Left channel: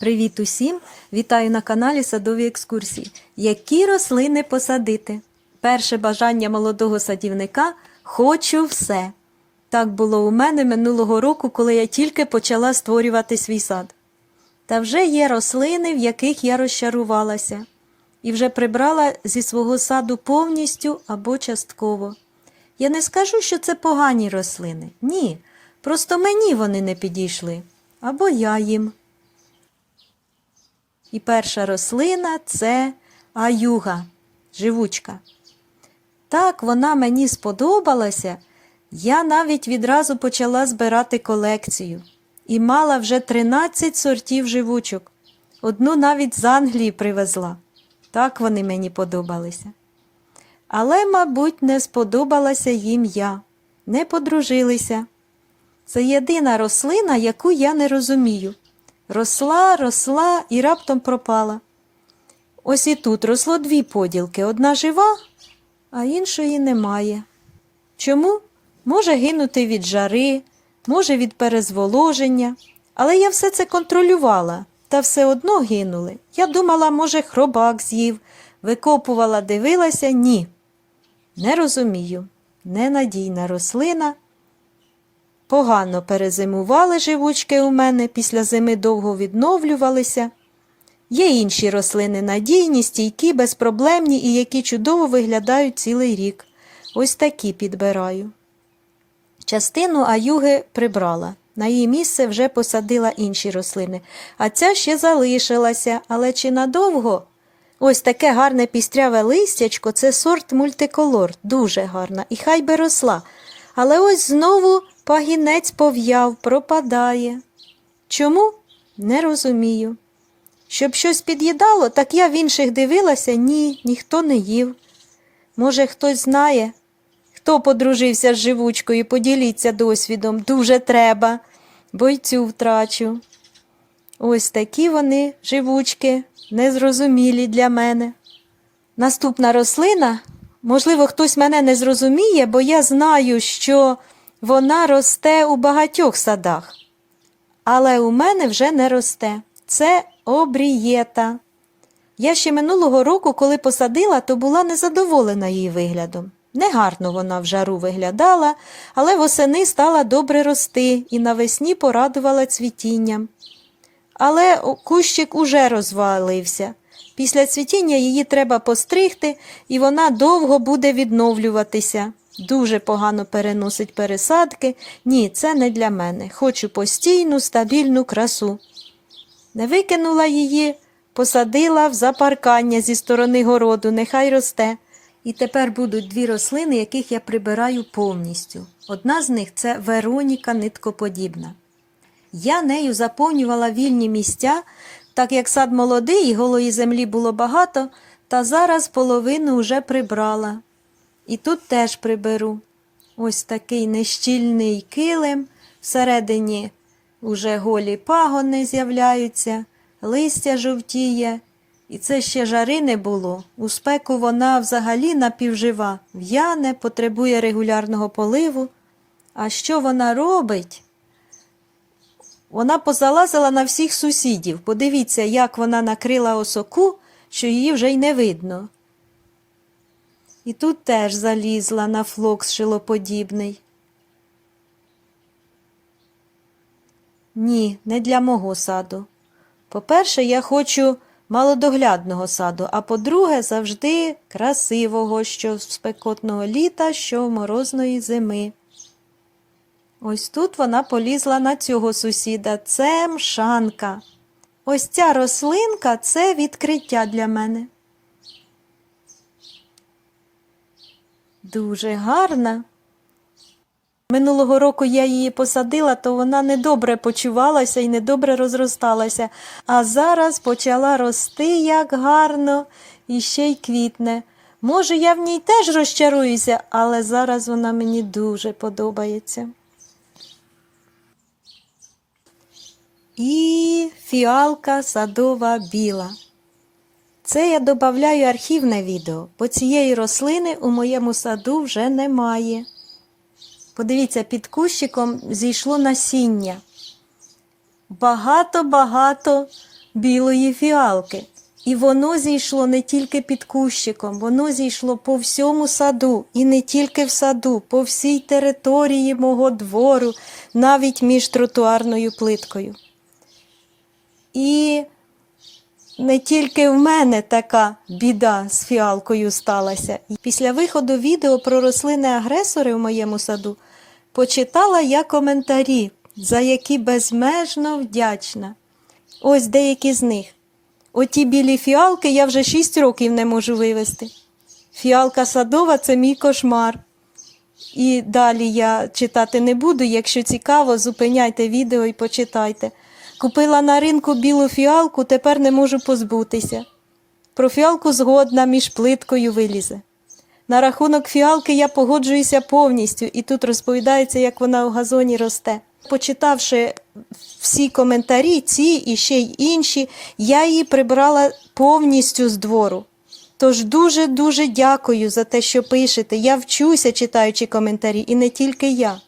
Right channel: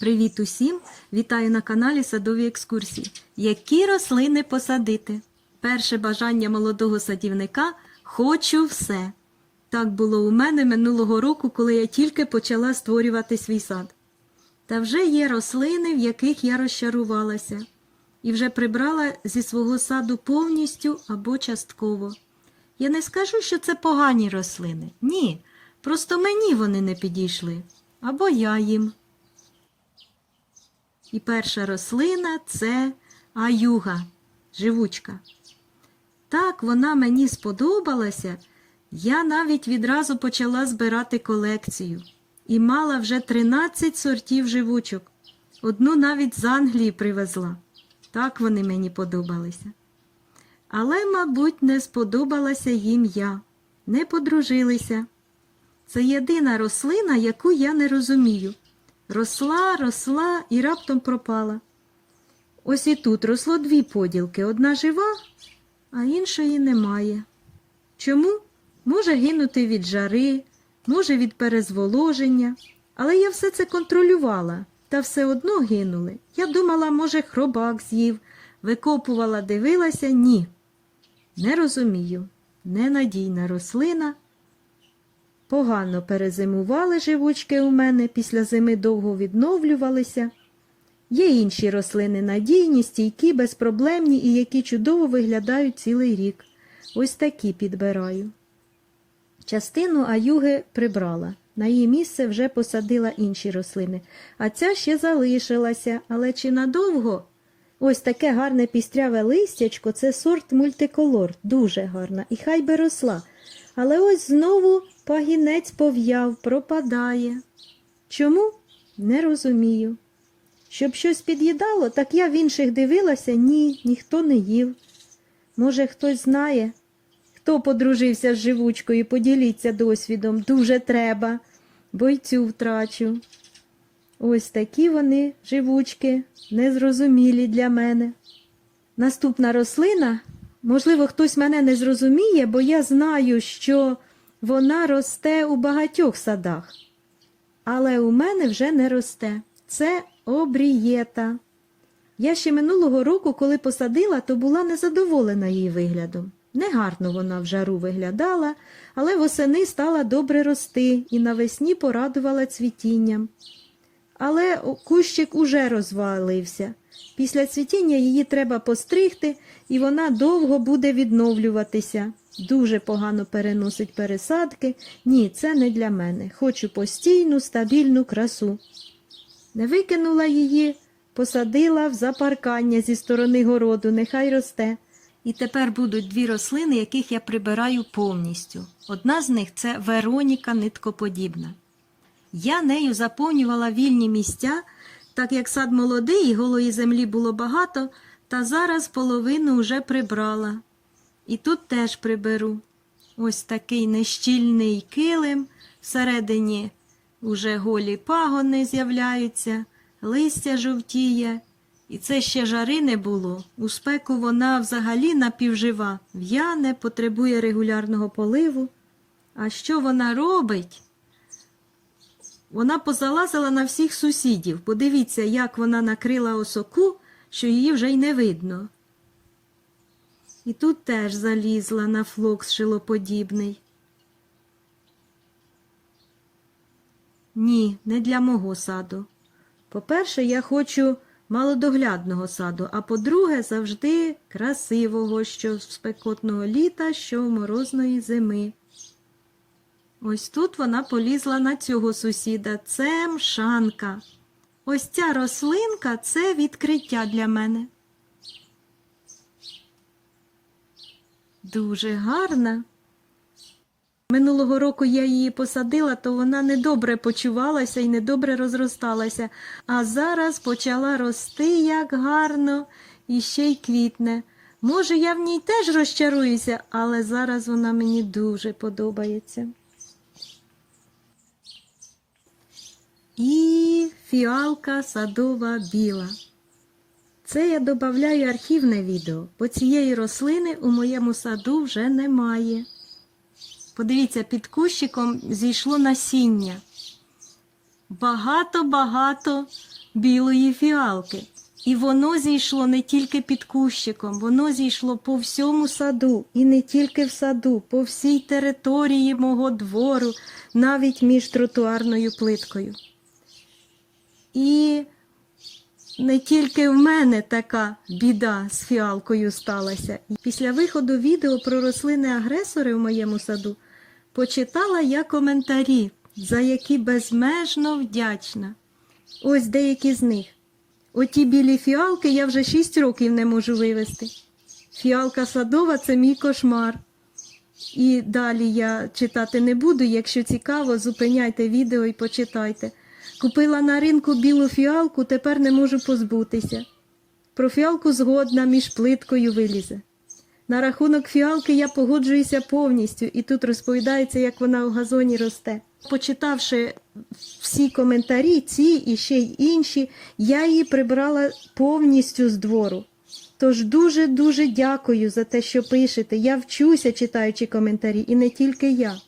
Привіт усім! Вітаю на каналі Садові екскурсії. Які рослини посадити? Перше бажання молодого садівника хочу все. Так було у мене минулого року, коли я тільки почала створювати свій сад. Та вже є рослини, в яких я розчарувалася, і вже прибрала зі свого саду повністю або частково. Я не скажу, що це погані рослини. Ні. Просто мені вони не підійшли. Або я їм. І перша рослина це аюга, живучка. Так вона мені сподобалася, я навіть відразу почала збирати колекцію і мала вже 13 сортів живучок. Одну навіть з Англії привезла. Так вони мені подобалися. Але, мабуть, не сподобалася їм я, не подружилися. Це єдина рослина, яку я не розумію. Росла, росла і раптом пропала. Ось і тут росло дві поділки: одна жива, а іншої немає. Чому? Може гинути від жари, може від перезволоження, але я все це контролювала, та все одно гинули. Я думала, може, хробак з'їв, викопувала, дивилася, ні. Не розумію. Ненадійна рослина. Погано перезимували живучки у мене, після зими довго відновлювалися. Є інші рослини надійні, стійкі, безпроблемні і які чудово виглядають цілий рік. Ось такі підбираю. Частину аюги прибрала. На її місце вже посадила інші рослини, а ця ще залишилася, але чи надовго? Ось таке гарне пістряве листячко це сорт мультиколор, дуже гарна, і хай би росла. Але ось знову пагінець пов'яв, пропадає. Чому? Не розумію. Щоб щось під'їдало, так я в інших дивилася, ні, ніхто не їв. Може, хтось знає, хто подружився з живучкою, поділіться досвідом, дуже треба, бо й цю втрачу. Ось такі вони, живучки, незрозумілі для мене. Наступна рослина, можливо, хтось мене не зрозуміє, бо я знаю, що вона росте у багатьох садах. Але у мене вже не росте. Це обрієта. Я ще минулого року, коли посадила, то була незадоволена її виглядом. Негарно вона в жару виглядала, але восени стала добре рости і навесні порадувала цвітінням. Але кущик уже розвалився. Після цвітіння її треба постригти, і вона довго буде відновлюватися. Дуже погано переносить пересадки. Ні, це не для мене. Хочу постійну, стабільну красу. Не викинула її, посадила в запаркання зі сторони городу, нехай росте. І тепер будуть дві рослини, яких я прибираю повністю. Одна з них це Вероніка ниткоподібна. Я нею заповнювала вільні місця, так як сад молодий і голої землі було багато, та зараз половину вже прибрала. І тут теж приберу. Ось такий нещільний килим, всередині уже голі пагони з'являються, листя жовтіє. І це ще жари не було. У спеку вона взагалі напівжива, в'яне, потребує регулярного поливу. А що вона робить? Вона позалазила на всіх сусідів. Подивіться, як вона накрила осоку, що її вже й не видно. І тут теж залізла на флокс шилоподібний. Ні, не для мого саду. По-перше, я хочу малодоглядного саду, а по-друге, завжди красивого, що з спекотного літа, що морозної зими. Ось тут вона полізла на цього сусіда. Це мшанка. Ось ця рослинка це відкриття для мене. Дуже гарна. Минулого року я її посадила, то вона недобре почувалася і недобре розросталася, а зараз почала рости як гарно і ще й квітне. Може, я в ній теж розчаруюся, але зараз вона мені дуже подобається. І фіалка садова біла. Це я додаю архівне відео, бо цієї рослини у моєму саду вже немає. Подивіться, під кущиком зійшло насіння. Багато-багато білої фіалки. І воно зійшло не тільки під кущиком, воно зійшло по всьому саду, і не тільки в саду, по всій території мого двору, навіть між тротуарною плиткою. І не тільки в мене така біда з фіалкою сталася. Після виходу відео про рослини-агресори в моєму саду почитала я коментарі, за які безмежно вдячна. Ось деякі з них. Оті білі фіалки я вже 6 років не можу вивезти. Фіалка садова це мій кошмар. І далі я читати не буду. Якщо цікаво, зупиняйте відео і почитайте. Купила на ринку білу фіалку, тепер не можу позбутися. Про фіалку згодна між плиткою вилізе. На рахунок фіалки я погоджуюся повністю, і тут розповідається, як вона в газоні росте. Почитавши всі коментарі, ці і ще й інші, я її прибрала повністю з двору. Тож дуже-дуже дякую за те, що пишете. Я вчуся, читаючи коментарі, і не тільки я.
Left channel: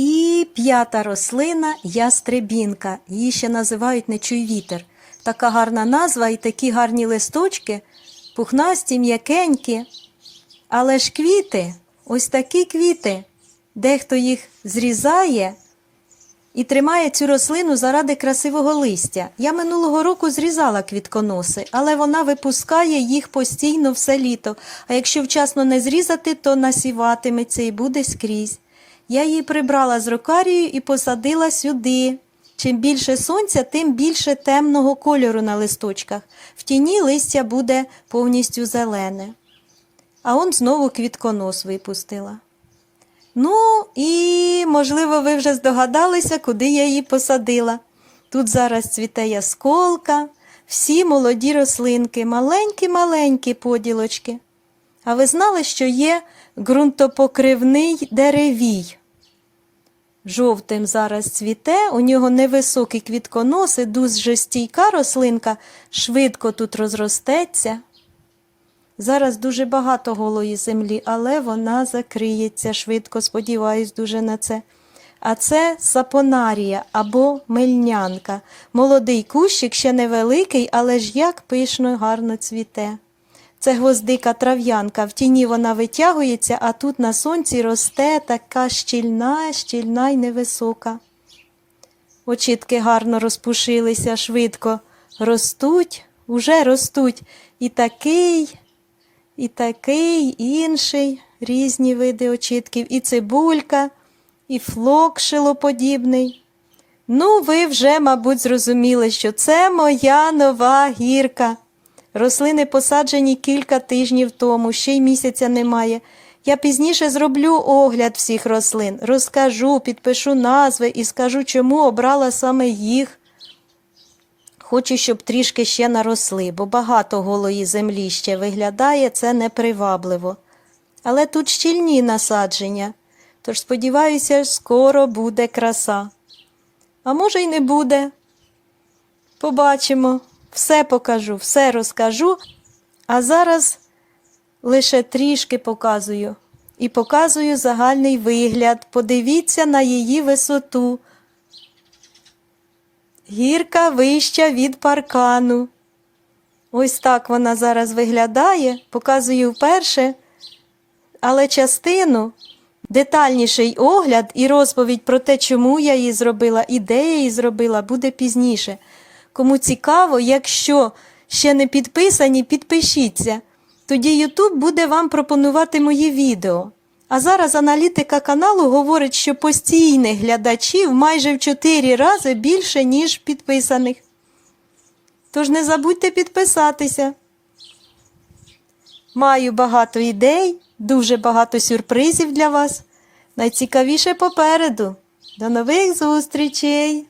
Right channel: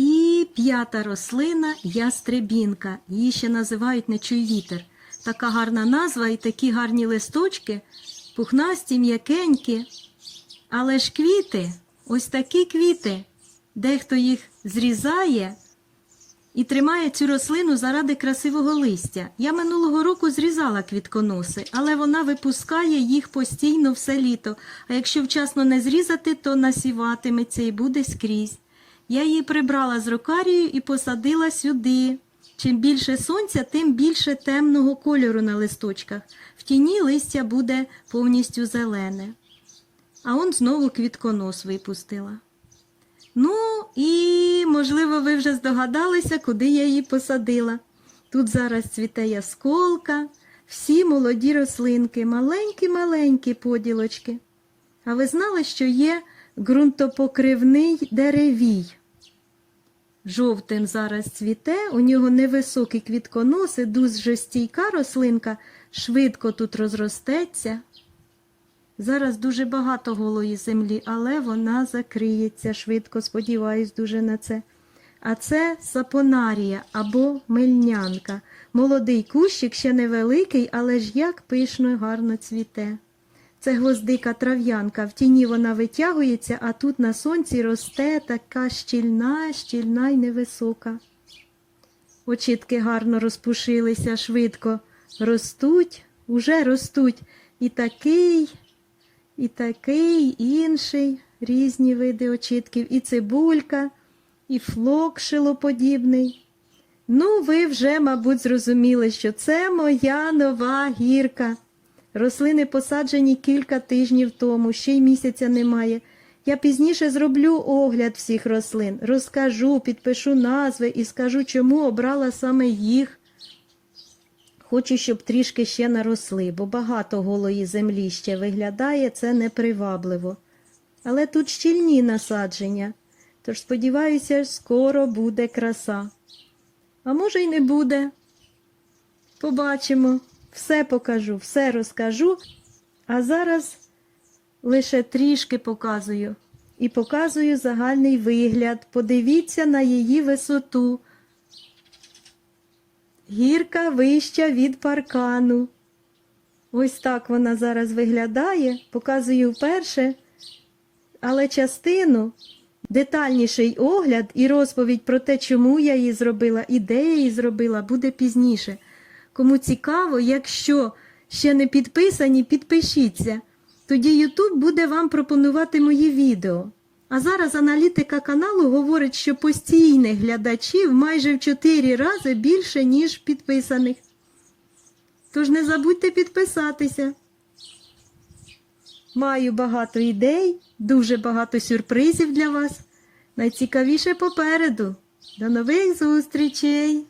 І п'ята рослина ястребінка. Її ще називають нечуй вітер. Така гарна назва і такі гарні листочки, пухнасті, м'якенькі. Але ж квіти, ось такі квіти. Дехто їх зрізає і тримає цю рослину заради красивого листя. Я минулого року зрізала квітконоси, але вона випускає їх постійно все літо. А якщо вчасно не зрізати, то насіватиметься і буде скрізь. Я її прибрала з рокарією і посадила сюди. Чим більше сонця, тим більше темного кольору на листочках. В тіні листя буде повністю зелене. А он знову квітконос випустила. Ну, і, можливо, ви вже здогадалися, куди я її посадила. Тут зараз цвіте ясколка, всі молоді рослинки, маленькі-маленькі поділочки. А ви знали, що є ґрунтопокривний деревій? Жовтим зараз цвіте, у нього невисокі квітконоси, дуже стійка рослинка, швидко тут розростеться. Зараз дуже багато голої землі, але вона закриється швидко, сподіваюсь дуже на це. А це сапонарія або мельнянка. Молодий кущик ще невеликий, але ж як пишно гарно цвіте. Це гвоздика трав'янка. В тіні вона витягується, а тут на сонці росте така щільна, щільна й невисока. Очітки гарно розпушилися, швидко ростуть, уже ростуть. І такий, і такий, інший, різні види очітків, і цибулька, і флок шилоподібний. Ну, ви вже, мабуть, зрозуміли, що це моя нова гірка. Рослини посаджені кілька тижнів тому, ще й місяця немає. Я пізніше зроблю огляд всіх рослин, розкажу, підпишу назви і скажу, чому обрала саме їх. Хочу, щоб трішки ще наросли, бо багато голої землі ще виглядає, це непривабливо. Але тут щільні насадження, тож сподіваюся, скоро буде краса. А може й не буде. Побачимо, все покажу, все розкажу. А зараз лише трішки показую. І показую загальний вигляд. Подивіться на її висоту. Гірка вища від паркану. Ось так вона зараз виглядає, показую вперше, але частину, детальніший огляд і розповідь про те, чому я її зробила, і де я її зробила, буде пізніше. Кому цікаво, якщо ще не підписані, підпишіться. Тоді YouTube буде вам пропонувати мої відео. А зараз аналітика каналу говорить, що постійних глядачів майже в 4 рази більше, ніж підписаних. Тож не забудьте підписатися. Маю багато ідей, дуже багато сюрпризів для вас. Найцікавіше попереду. До нових зустрічей!